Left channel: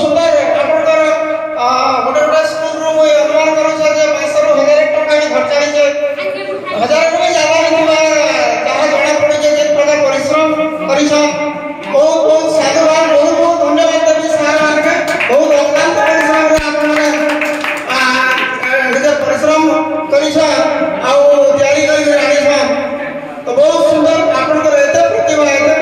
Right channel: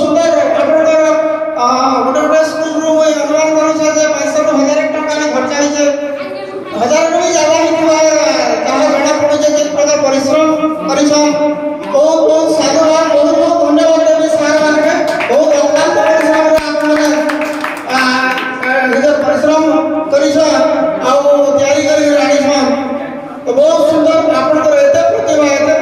ସୁନ୍ଦର ଆପଣଙ୍କର ଗୋଟେ ଗୋଟେ ସ୍କୁଲରୁ ମୁଇଁ ଅନୁମାନ କରୁଛେ ଯେ 500 ରୁ 1000 ଟଙ୍କା ବି ଖର୍ଚ୍ଚ ହେଇଛେ 1000 ରୁ ବି ଜାଗା ହେଇଥିବା ଯାହା ଜଣା ପଡୁଛେ ଯେ ପ୍ରକାର ପରିଶ୍ରମ କରିଛ ବହୁତ ବହୁତ ସାଧୁବାଦ ବହୁତ ବହୁତ ଧନ୍ୟବାଦ ଦେବି ସାର୍ ମାନେ ବହୁତ ଅକ୍ଳାନ୍ତ ପରିଶ୍ରମରେ ଆପଣମାନେ ନିଜେ ପରିଶ୍ରମ କରିଛ ଆଉ ତିଆରି କରି ଆଣିଛ ତ ବହୁତ ସୁନ୍ଦର ଆପଣଙ୍କର ଏତେ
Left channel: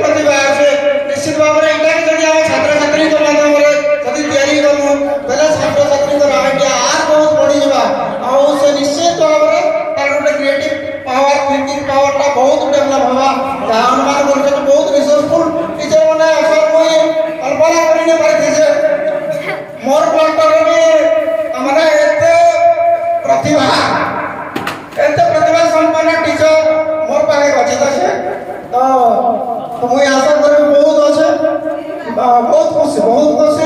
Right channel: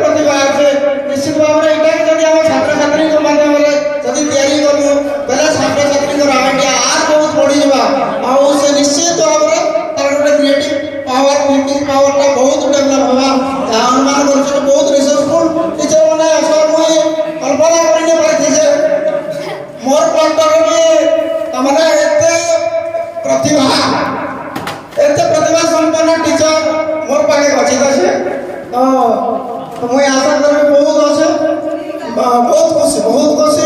ପ୍ରତିଭା আছে ନିଶ୍ଚିତ ଭାବରେ ଏଇଟା ଯଦି ଆମ ଛାତ୍ରଛାତ୍ରୀଙ୍କ ମାଧ୍ୟମରେ ଯଦି ତିଆରି କରିବୁ ବେଲେ ଛାତ୍ରଛାତ୍ରୀଙ୍କର ଆମେ ଆର ବହୁତ ବଢ଼ିଯିବା ଆଉ ସେ ନିଶ୍ଚିତ ଭାବରେ ତାର ଗୋଟେ କ୍ରିଏଟିଭ ପାୱାର ଥିଙ୍କିଂ ପାୱାରଟା ବହୁତ ଡେଭଲପ ହେବା ଯାହା ଅନୁମାନ କରୁଛନ୍ତି ବହୁତ ରିସୋର୍ସଫୁଲ ଟିଚର ମାନେ ଅଛ ମୁଇଁ କଳ୍ପନା କରି ନି ପାରିଥି ଯେ ମୋର ପଏଣ୍ଟରେ ବି ତମାନେ ଏତେ ପ୍ରତିଭା সম্পন্ন টিচর মোর পাখে আছে তো মুই আশা করি বহুত আছে বহুত খুশি